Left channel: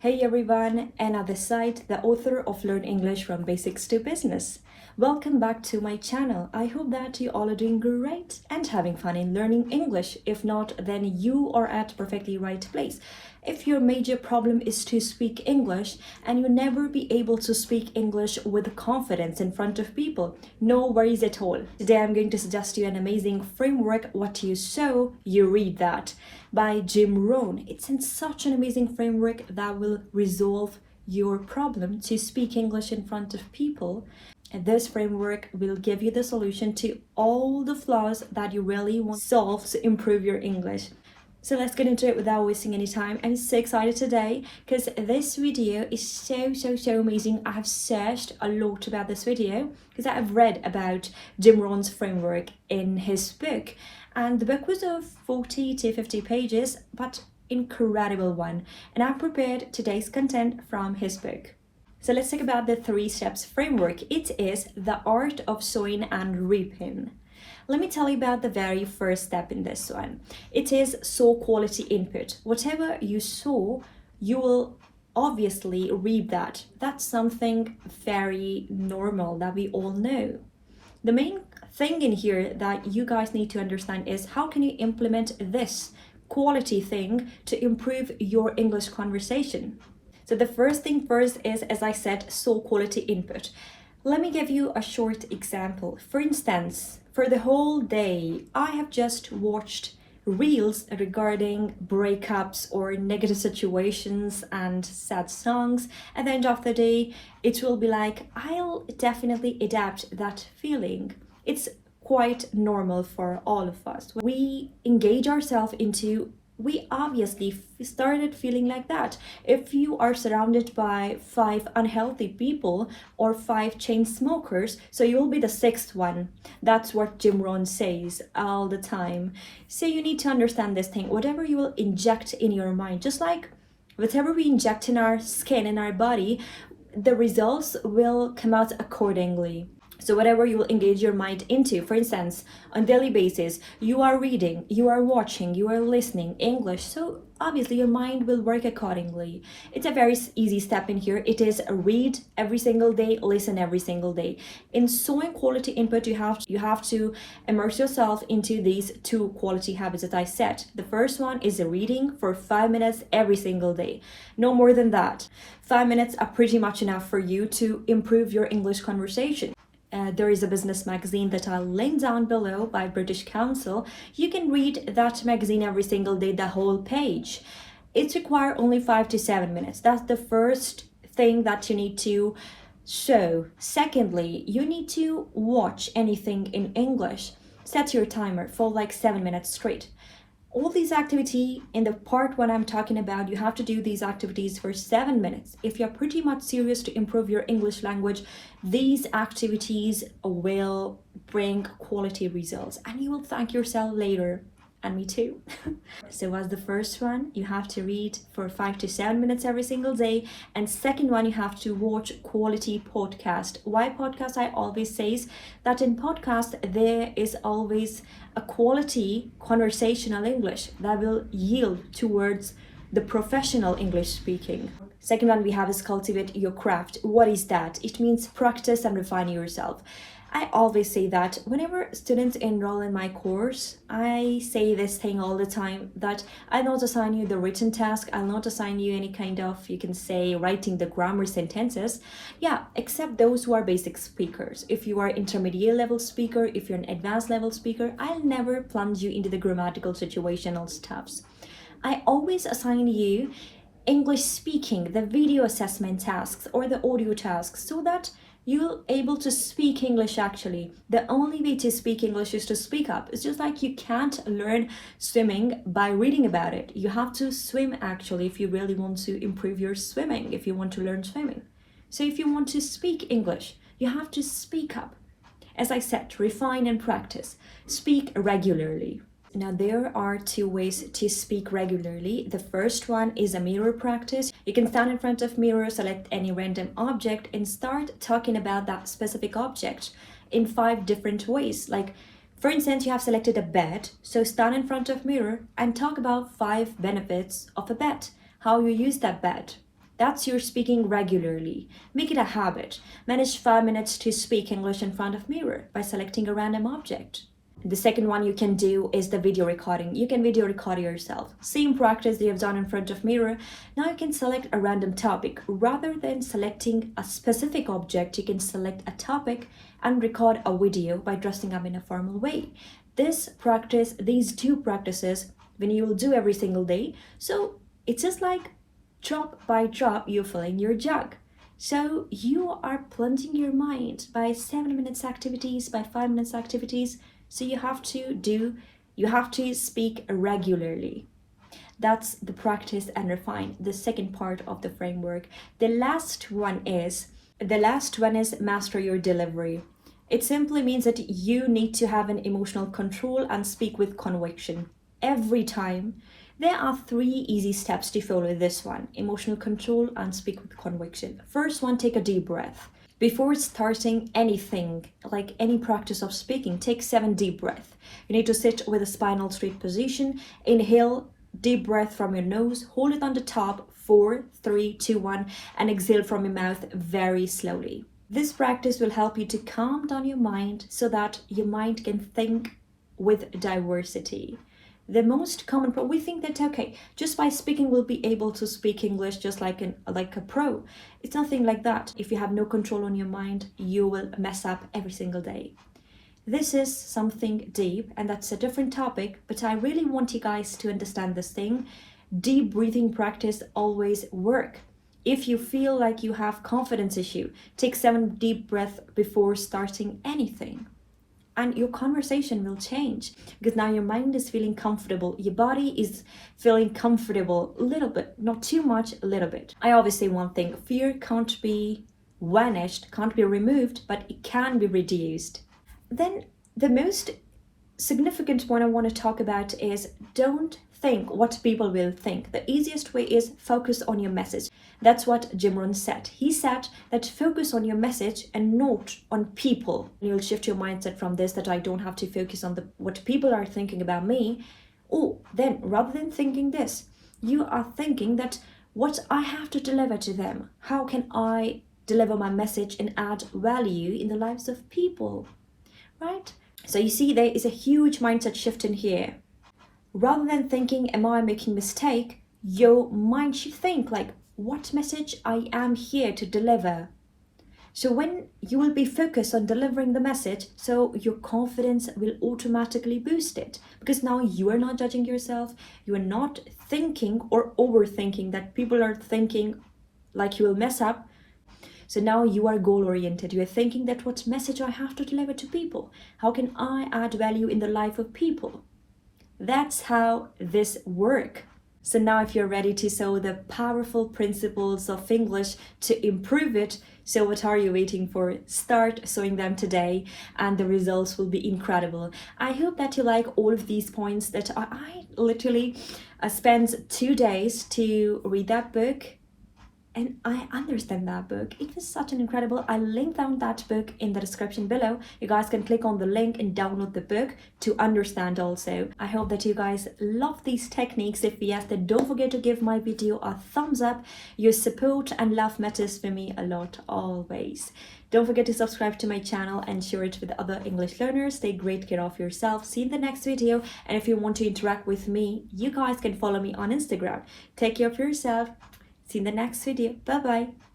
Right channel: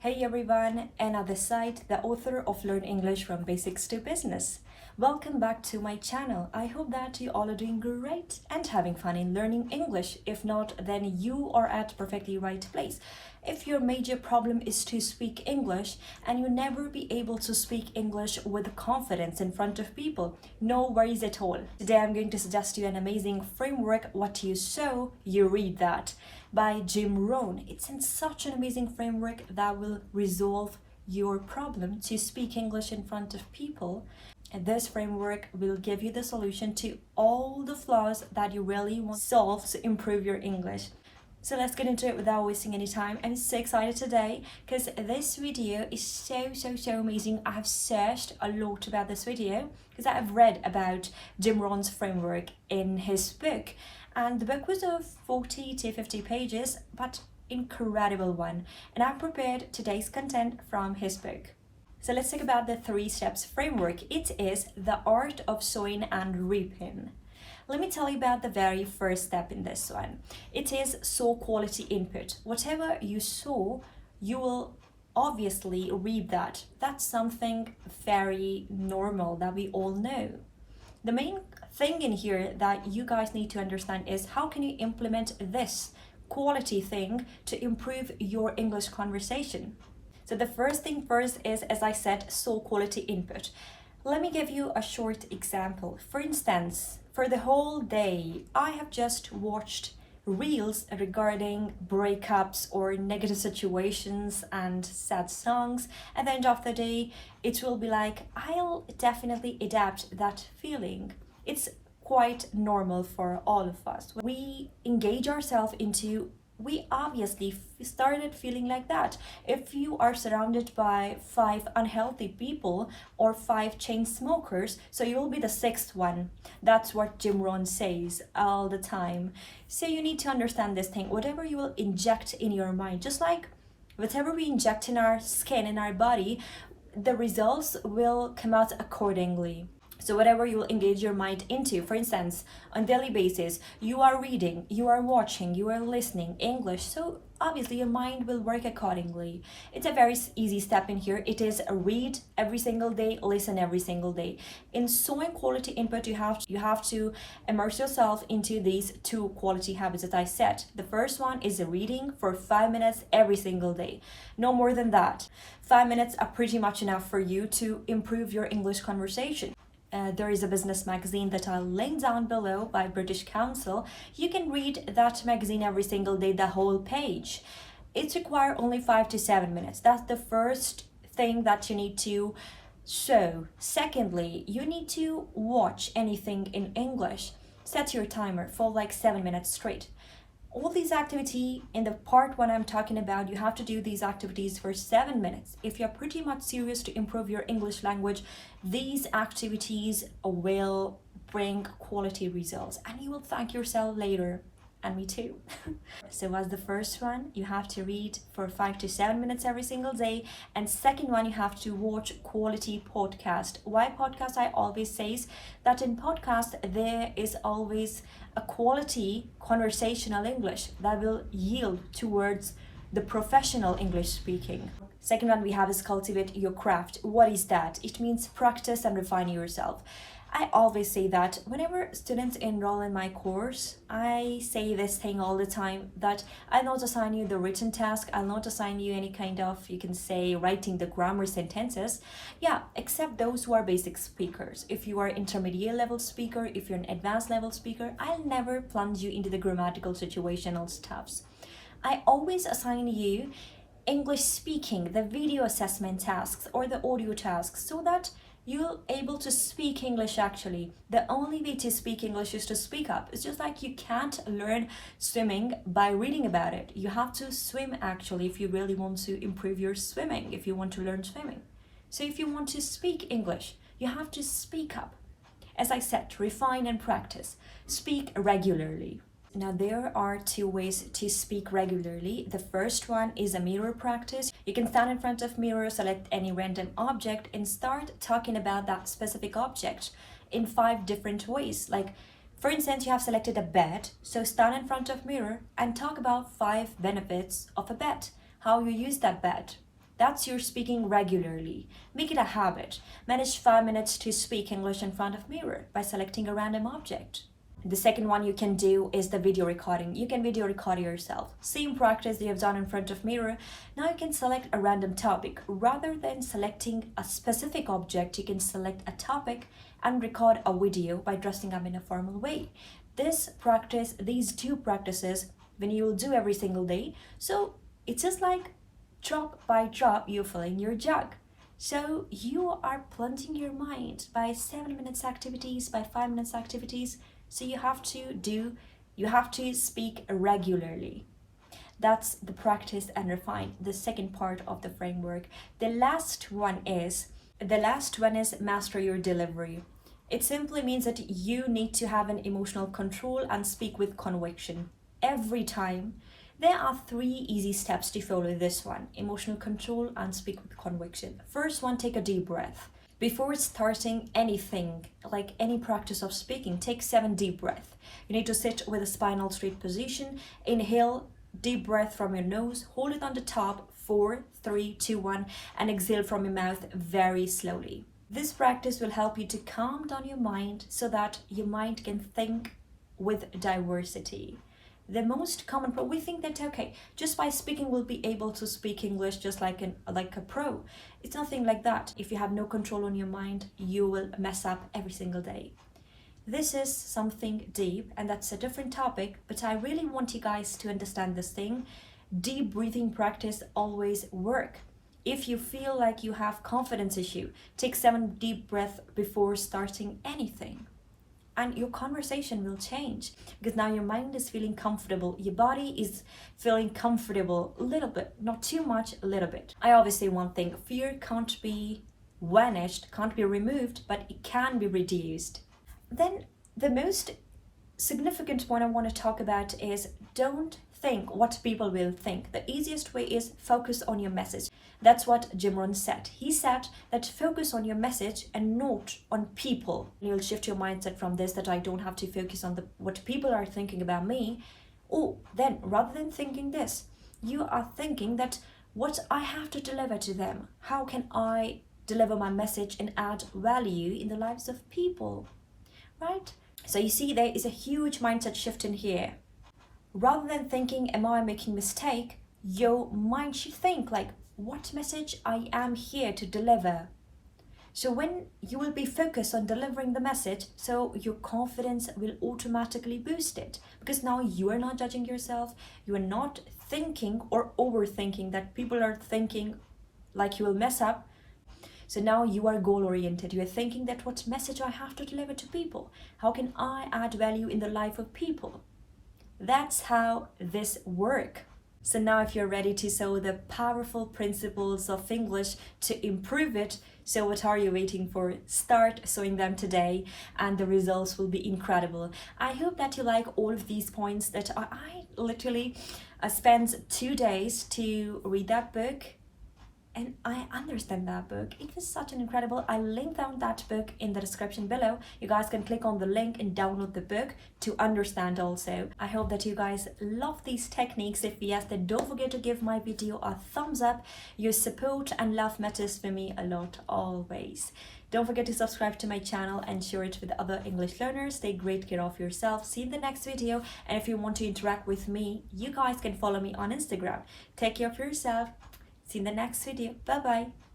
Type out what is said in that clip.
Hey everyone, Anna this side, the author of Learn English from Basics to Business. Welcome back to my channel. I hope that you all are doing great and having fun in learning English. If not, then you are at perfectly right place. If your major problem is to speak English and you never be able to speak English with confidence in front of people, no worries at all. Today I'm going to suggest you an amazing framework, What You Sow, You Reap That, by Jim Rohn. It's in such an amazing framework that will resolve your problem to speak English in front of people. And this framework will give you the solution to all the flaws that you really want to solve to improve your English. So let's get into it without wasting any time. I'm so excited today because this video is so amazing. I have searched a lot about this video because I have read about Jim Rohn's framework in his book. And the book was of 40 to 50 pages, but incredible one. And I've prepared today's content from his book. So let's talk about the 3 steps framework. It is the art of sowing and reaping. Let me tell you about the very first step in this one. It is sow quality input. Whatever you sow, you will obviously reap that. That's something very normal that we all know. The main thing in here that you guys need to understand is how can you implement this quality thing to improve your English conversation. So the first thing first is, as I said, sow quality input. Let me give you a short example. For instance, for the whole day, I have just watched reels regarding breakups or negative situations and sad songs. At the end of the day, it will be like, I'll definitely adapt that feeling. It's quite normal for all of us. When we engage ourselves into, we obviously started feeling like that. If you are surrounded by 5 unhealthy people or 5 chain smokers, so you'll be the 6th one. That's what Jim Rohn says all the time. So you need to understand this thing. Whatever you will inject in your mind, just like whatever we inject in our skin, in our body, the results will come out accordingly. So whatever you will engage your mind into, for instance, on daily basis, you are reading, you are watching, you are listening English. So obviously your mind will work accordingly. It's a very easy step in here. It is read every single day, listen every single day. In sowing quality input, you have to immerse yourself into these 2 quality habits that I said. The first one is reading for 5 minutes every single day. No more than that. 5 minutes are pretty much enough for you to improve your English conversation. There is a business magazine that I'll link down below by British Council. You can read that magazine every single day, the whole page. It requires only 5 to 7 minutes. That's the first thing that you need to show. Secondly, you need to watch anything in English. Set your timer for like 7 minutes straight. All these activities in the part when I'm talking about, you have to do these activities for 7 minutes. If you're pretty much serious to improve your English language, these activities will bring quality results and you will thank yourself later. And me too. So as the first one, you have to read for 5 to 7 minutes every single day. And second one, you have to watch quality podcast. Why podcast? I always say that in podcast, there is always a quality conversational English that will yield towards the professional English speaking. Second one we have is cultivate your craft. What is that? It means practice and refine yourself. I always say that whenever students enroll in my course, I say this thing all the time, that I'll not assign you the written task, I'll not assign you any kind of, you can say, writing the grammar sentences. Yeah, except those who are basic speakers. If you are intermediate level speaker, if you're an advanced level speaker, I'll never plunge you into the grammatical situational stuffs. I always assign you English speaking, the video assessment tasks or the audio tasks, so that you're able to speak English actually. The only way to speak English is to speak up. It's just like you can't learn swimming by reading about it. You have to swim actually if you really want to improve your swimming, if you want to learn swimming. So if you want to speak English, you have to speak up. As I said, refine and practice. Speak regularly. Now there are 2 ways to speak regularly. The first one is a mirror practice. You can stand in front of mirror, select any random object and start talking about that specific object in 5 different ways. Like for instance, you have selected a bed, so stand in front of mirror and talk about 5 benefits of a bed, how you use that bed. That's your speaking regularly. Make it a habit. Manage 5 minutes to speak English in front of mirror by selecting a random object. The second one you can do is the video recording. You can video record yourself. Same practice you have done in front of mirror. Now you can select a random topic. Rather than selecting a specific object, you can select a topic and record a video by dressing up in a formal way. This practice, these two practices, when you will do every single day, so it's just like drop by drop you're filling your jug. So you are plunging your mind by 7 minutes activities, by 5 minutes activities. So you have to speak regularly. That's the practice and refine, the second part of the framework. The last one is master your delivery. It simply means that you need to have an emotional control and speak with conviction every time. There are 3 easy steps to follow this one: emotional control and speak with conviction. First one, take a deep breath. Before starting anything, like any practice of speaking, take 7 deep breaths. You need to sit with a spinal straight position. Inhale, deep breath from your nose, hold it on the top, 4, 3, 2, 1, and exhale from your mouth very slowly. This practice will help you to calm down your mind so that your mind can think with diversity. The most common we think that, okay, just by speaking we'll be able to speak English just like a pro. It's nothing like that. If you have no control on your mind, you will mess up every single day. This is something deep, and that's a different topic, but I really want you guys to understand this thing. Deep breathing practice always work. If you feel like you have confidence issue, take 7 deep breaths before starting anything. And your conversation will change because now your mind is feeling comfortable. Your body is feeling comfortable a little bit, not too much, a little bit. I always say one thing: fear can't be vanished, can't be removed, but it can be reduced. Then the most significant point I want to talk about is don't think what people will think. The easiest way is focus on your message. That's what Jim Rohn said. He said that focus on your message and not on people. You'll shift your mindset from this, that I don't have to focus on what people are thinking about me. Oh, then rather than thinking this, you are thinking that what I have to deliver to them. How can I deliver my message and add value in the lives of people? Right? So you see, there is a huge mindset shift in here. Rather than thinking, am I making mistake? Your mind should think like, what message I am here to deliver. So when you will be focused on delivering the message, so your confidence will automatically boost it, because now you are not judging yourself. You are not thinking or overthinking that people are thinking like you will mess up. So now you are goal oriented. You are thinking that what message I have to deliver to people? How can I add value in the life of people? That's how this works. So now if you're ready to sow the powerful principles of English to improve it, so what are you waiting for? Start sowing them today and the results will be incredible. I hope that you like all of these points that I literally spent 2 days to read that book. And I understand that book. It was such an incredible. I linked down that book in the description below. You guys can click on the link and download the book to understand also. I hope that you guys love these techniques. If yes, then don't forget to give my video a thumbs up. Your support and love matters for me a lot always. Don't forget to subscribe to my channel and share it with other English learners. Take great care of yourself. See you in the next video. And if you want to interact with me, you guys can follow me on Instagram. Take care of yourself. See you in the next video. Bye bye.